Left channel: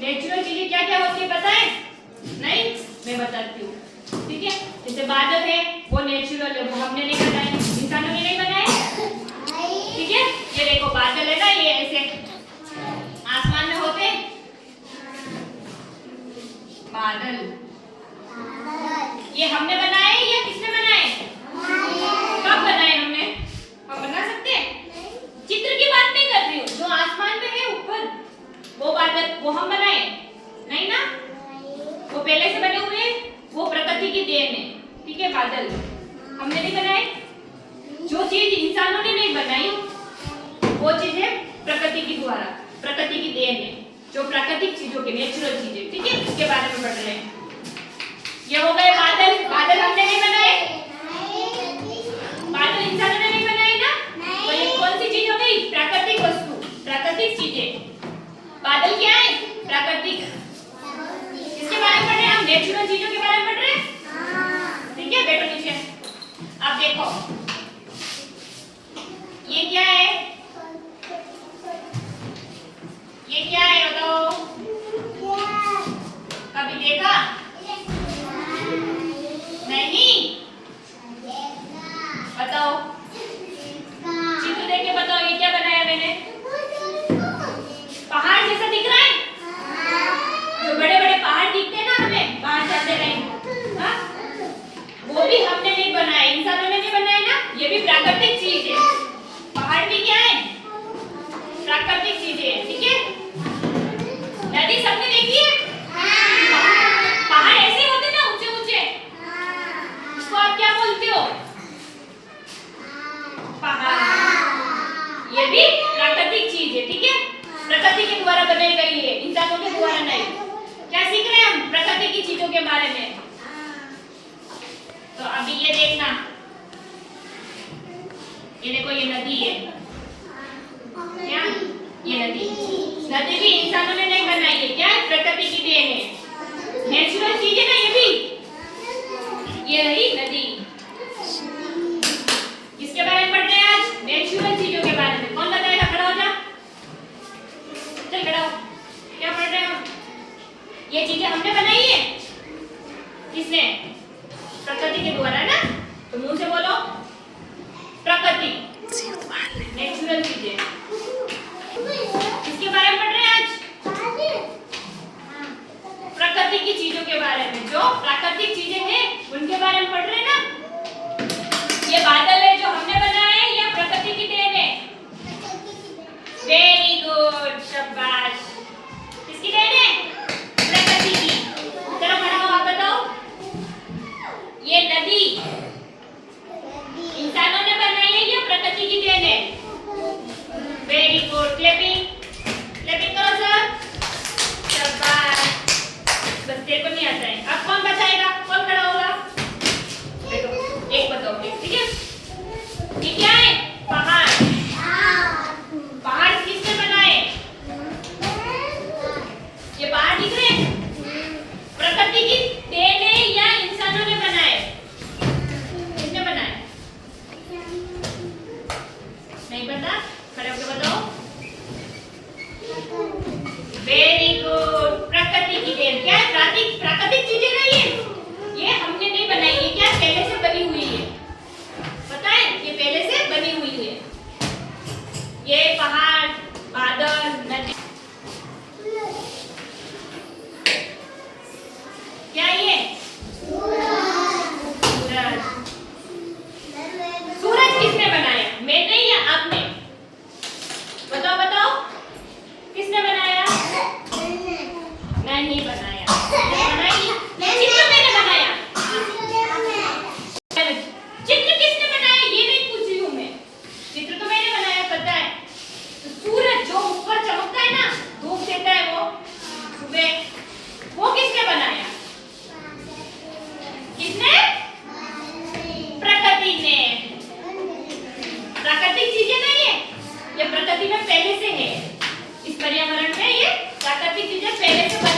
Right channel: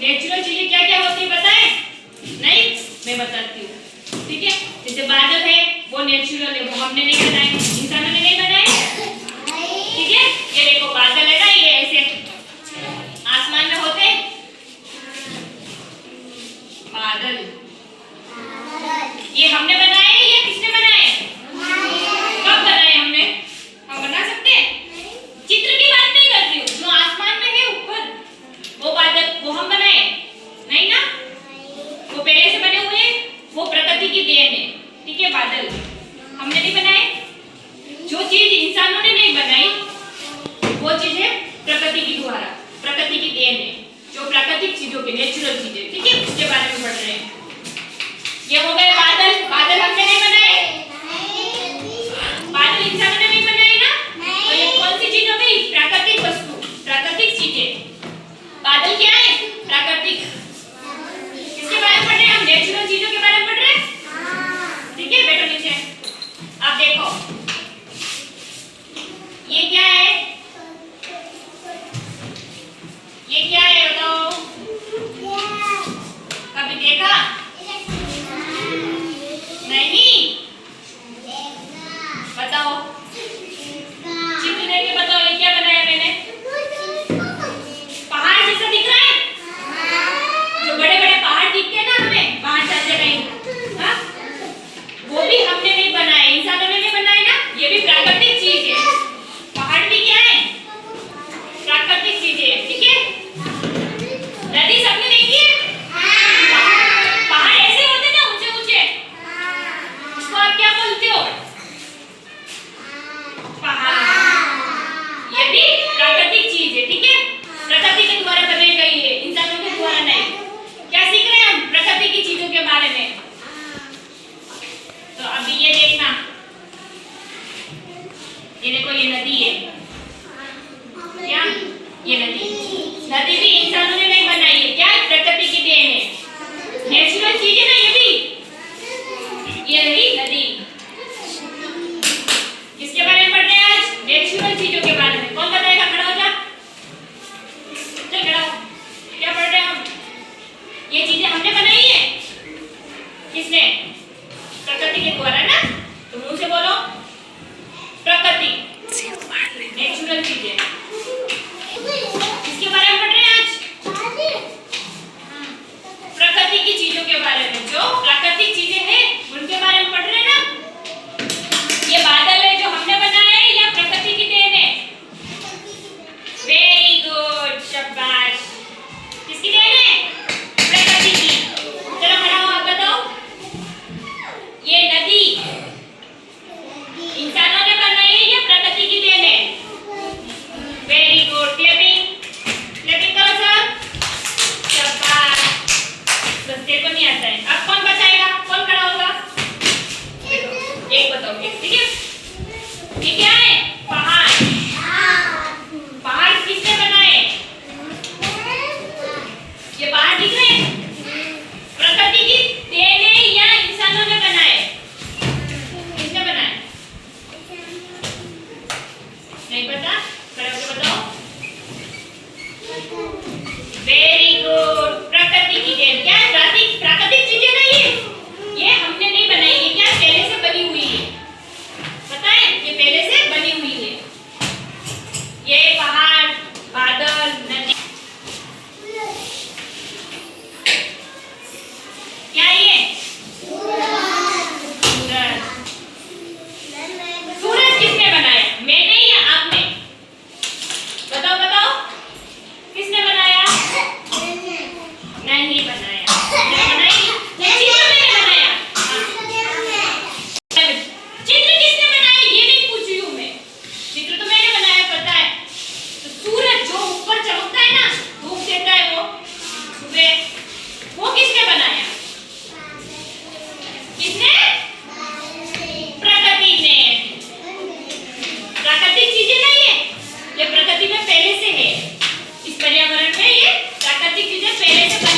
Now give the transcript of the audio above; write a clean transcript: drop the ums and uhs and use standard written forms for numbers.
Natural चीजें क्या क्या होती है पता है? नहीं, मैं बताती हूँ। ठीक है, जैसे बादल है वो नेचुरल है, वो हमने नहीं बनाए, इंसानों ने नहीं बनाए। ठीक है, ये देखो बादल है ना, ये ऐसे आसमान में होते बादल, ये हमने बनाए या किसने बनाए? कब बनाए हमने? हम बना सकते हैं? चित्र की बात नहीं कर रही हूँ, जो आसमान में है ऊपर वो बादल, वो हम बनाए नहीं ना, वो पहले से बने हुए हैं, वो प्रकृति की देन है। ठीक है, बादल हमने नहीं बनाए। जो चीज इंसानों ने नहीं बनाई वो चीज है प्रकृति की द्वारा, प्रकृति की देन है, जो प्राकृतिक चीजों के नेचुरल चीजें। ठीक है, उसके बारे में पढ़ रहे हैं। ये हो गए बादल, बादल हमने नहीं बनाए, बादल इंसानों ने नहीं बनाए ना, तो ये कौन सी चीज हो गई? प्राकृतिक वस्तु, प्राकृतिक चीजें। बादल क्या है? प्राकृतिक। किसके बारे में पढ़ रहे हैं हम? नेचुरल चीजों के बारे में पढ़ रहे हैं। ठीक है, बैठो नीचे। अब देखो ये क्या है, ये क्या है बताओ? कभी देखा? नहीं, बताओ, चित्र देख के बताओ ये क्या बनाया मैंने? पहाड़ जैसा दिख रहा है? जो बड़े बड़े पहाड़ दिखते हैं ना हमें बाहर जाते कहीं, हाँ, वो भी हमने नहीं बनाए, इंसानों ने नहीं बनाए ना, ये भी प्राकृतिक चीज है। पहाड़ भी क्या है? प्राकृतिक चीज है। ठीक है, नदी सबने देखी है? पहाड़ ऐसे होते ना ऊंचे ऊंचे, इसको आप क्या बोलते हो? पहाड़। ये भी प्राकृतिक चीज है। ठीक है, प्रकृति के द्वारा बनाई गई है, इंसानों के द्वारा नहीं। क्या सीख रहे हैं हम प्रकृति की चीजों के बारे में? तो अभी ये देखना, ये देखो ये नदी है, क्या ये नदी? नदी भी इंसानों ने नहीं बनाई है, क्या है? प्रकृति की देन है, नेचुरल चीज है ना ये भी। ये रही नदी। किसके बारे में पढ़ रहे हैं आज? नेचुरल चीजों के बारे में। कौन बताएगा? खड़ा हो जा, चल खड़ा हो। क्या पढ़ रहे हैं हम? ये चीजें हमने बनाई है, किसने? प्रकृति के द्वारा ना, तो मुंह से बोलो प्रकृति, नेचुरल चीजें। किसके बारे में पढ़ रहे हैं आज? प्रकृति की चीजों के बारे में, जो प्राकृतिक चीजें हैं उनके बारे में पढ़ रहे हैं ना। ये बादल है जो हमने बनाया है या प्रकृति की देन है? वेरी गुड, शाबाश। किसकी देन है? प्रकृति की। चलो खड़ा हो, आप बताओ। ये नदी इंसानों ने बनाई है या प्रकृति की देन है? वेरी गुड, क्लैपिंग, क्लैपिंग करो सब, शाबाश। बस तेरे को नहीं आता है, अब कौन बताएगा? कौन खड़ा होगा? देखो एक बताओ, एक। ठीक है, ये क्या है? पहाड़। पहाड़ किसने बनाए? ये पहाड़ दिख रहे हैं? प्रकृति की देन है या इंसानों ने बनाए? किसने बनाए? नहीं पता? खड़े होकर बताओ। वेरी गुड, प्रकृति की देन। क्या है? प्राकृतिक चीजें ना ये हमने नहीं बनाई, ये क्या पहले से बनी हुई है, पता है? ये पहले से बनी हुई है। ये पहाड़, बादल, नदी, क्या ये? सूरज। सूरज किसने बनाया? मैंने या आपने? बताओ बताओ, किसने बनाया? नहीं बनाया, बनाई चित्र मैंने बनाया। चित्र किसने बनाया ये नहीं पूछ रही हूँ मैं, चित्र तो मैंने बनाया, पता है। तो सूरज जो ऊपर चमकता है ना, धूप देता है वो सुबह, वो किसने बनाया? किसने? प्रकृति ने। प्राकृतिक चीजें नहीं है, ये प्रकृति में पहले से है, इस पर्यावरण में ये प्राकृतिक चीजें पहले से